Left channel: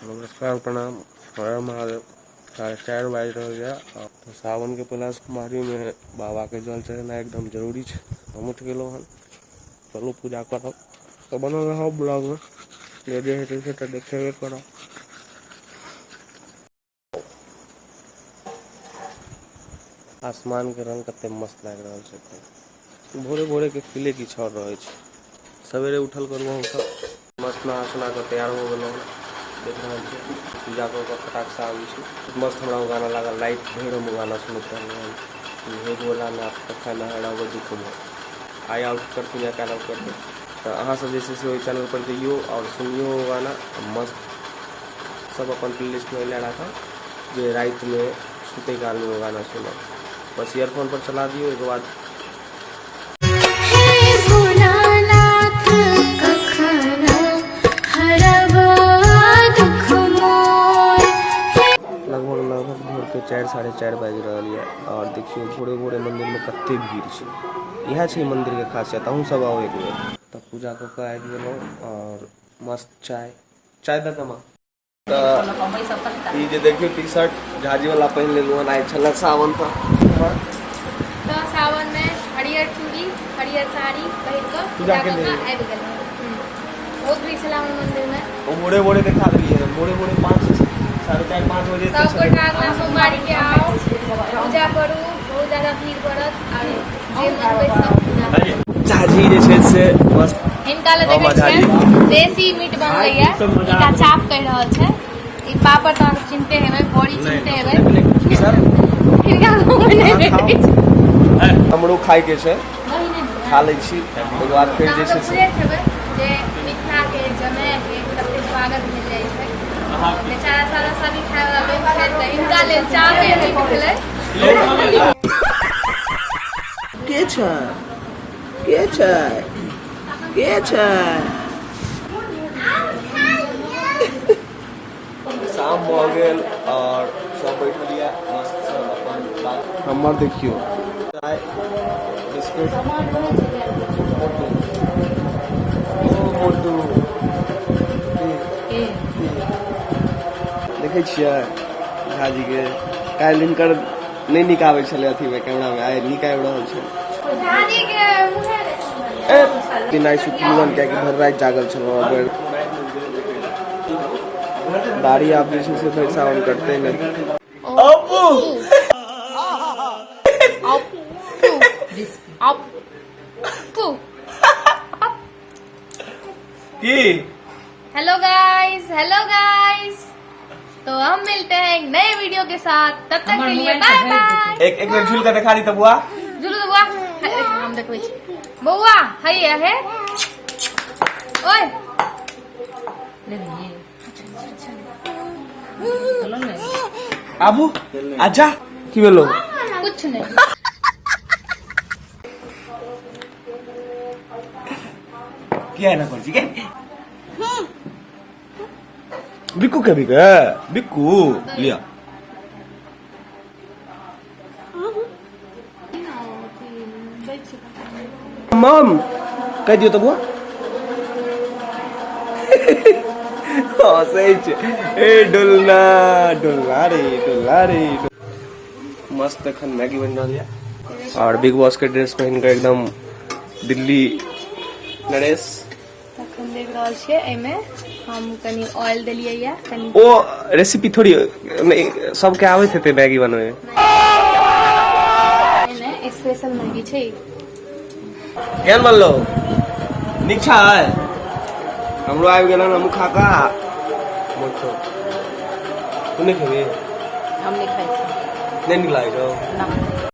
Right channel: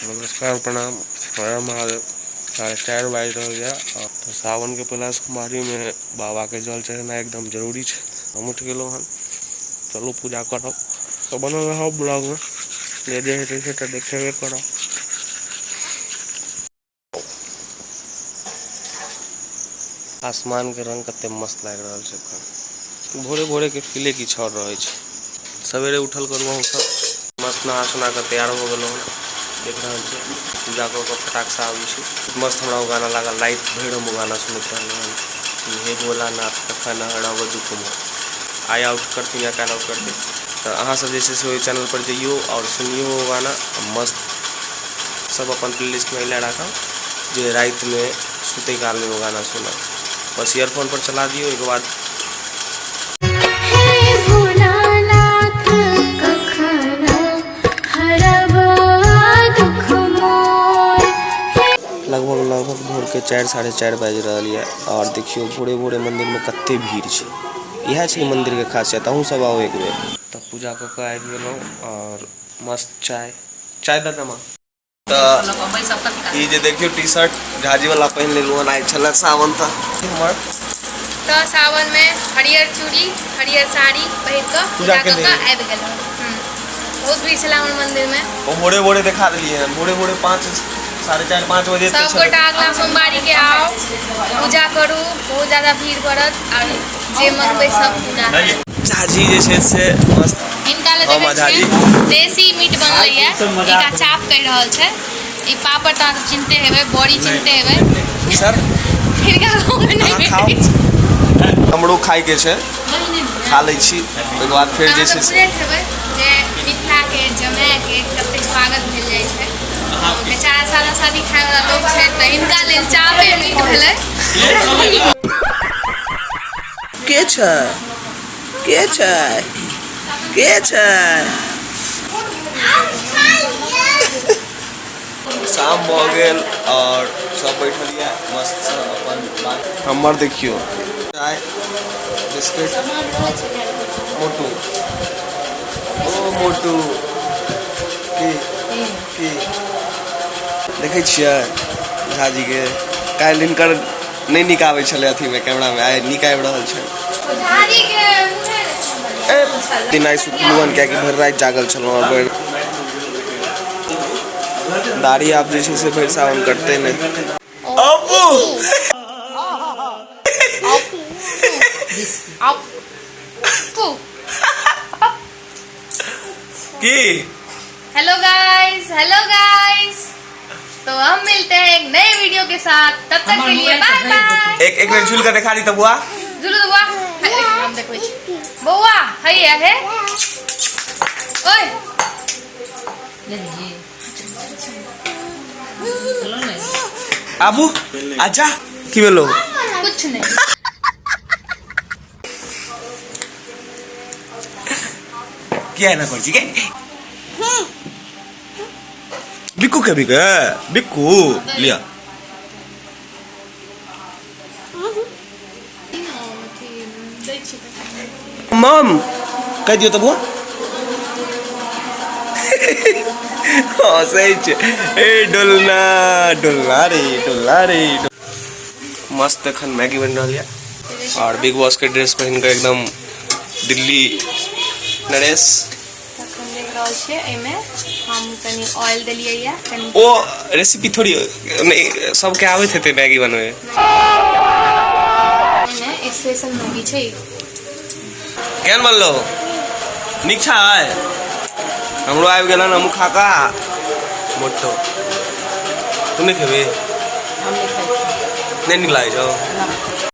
नमस्कार प्रणाम हर महादेव। 4:30 बाज रहा है तो सावन के पहला सोमवारी में बाबा के जल चढ़ना एकदम जरूरी है। हम उठ गए हन, चलो पूजा करब तो बनल रहो ब्लॉग में जे जे हेतै से देखेबे करब। आसमान के रंग कते मस्त लग रहा है। भोरे भोरे के फीले की छड़ रहे सवेरे उठल करू हम सब मस्त नहा सुना के तैयार हो गए। देख रहे हैं पूजा कर फटाक से आबी मस्त हमरा गाना लागल लाइट भर हम गाना सुनते रहल। हे भोलानाथ कखन हरब दुख मोर आई आउट करती या कैल आउट करते तो अहाँ सब जैसे से चैनल पर जाइयो और सुनियो गाना मस्त सब अपन प्लेलिस्ट में ले रखा जो रात में सुते काल में वो गाना सुना बस ईयरफोन पर चला दियो। एक बाद लगभग भोर के 4-4:30 बज रहा है और देखियो भोरे भोरे मंदिर में कते भीड़ है। यह है मंदिर के खासियत। अहूँ सब आओ एक बेर। तब पूजा कऽ आबि गेलहुँ और मस्त चाय दे देमा तो देखियो टी शर्ट झाजी वाला पहन लेलू हन। आइ छल सावन तो सावन में हरियर चूड़ी हरियर साड़ी पहन के पूजा कऽ आबि गेलहुँ। बहुत भीड़ छला हमर मंदिर में। वो भोरे भोरे दिखा दिलिए भोरे 5-4:30 बजे सब गोटा अगला सोमवारी के आओ पूजा करू। बहुत ज्यादा भीड़ पड़त और जे मनबै सब पूरा झाजी जे से मस्त हिनका ले झाजी देसी मीट बनलै है। इका चाप कह रहल छै। ई पापड़ ता चिनते हेबै, बड़ी चिनते हेबै सर। हिनका गांव में नहीं भेटै। हमरो खाइ के छै, खा लै छी। ओकर बाद फिर जे छै से जे मिथिला के जमाए के कते स्वागत भेल जाय छै। बेचारा सादा शादी खाए वाला लोग छै त इनका लेल चापे मीट भेलै। के छै के छै के छै। शाम भ गेल और सब बैठलिए मस्त अपन हमर देखियो चाय बिस्किट मोटू ओ मोटू की देखे छियै झाजी के काल्हि हिनकर नहीं निकाबै छलै अथी में कैमरा में आइ निकाबि रहल छै। दिन आई सुतलुअन क्या कि भर रात जागल छलहुँ और दाढ़ी आप जैसे से भर सावन करते नहीं। हेलो गाइस तो हम मिलते हैं एक नए वीडियो के साथ। तब तक के लिए बाय बाय। एक मिनट झूल कर दिखा दी। तब बुआ झूलो तो बुआ हम देखबै छी बौआ हैया है ओए आबू आजा की बोलो कुछ नहीं। क्या है ना कोची के बिक्कू के बिक्कू लिया मम कह दियो तब बुआ। हाँ सही छे। ए डोलना डोलना रे मस्त एखन मैगी बन रहा है और बिग बॉस के ड्रेस पहन कर एकदम दिल्ली नरेश देख रहल छियै। एमे हम कनी ऑयल देलियै या कनी ओ रेसिपी थोड़ी नहीं सबके आबैत हेतै मैगी बनवे। एमे स्पेशल मैगी छै। केहन बनलो नीक छै। हमरो आबि गेल हम खा का मोटो तू नहीं खेबे हम नहीं खाइ नहीं नीक लागै छौ।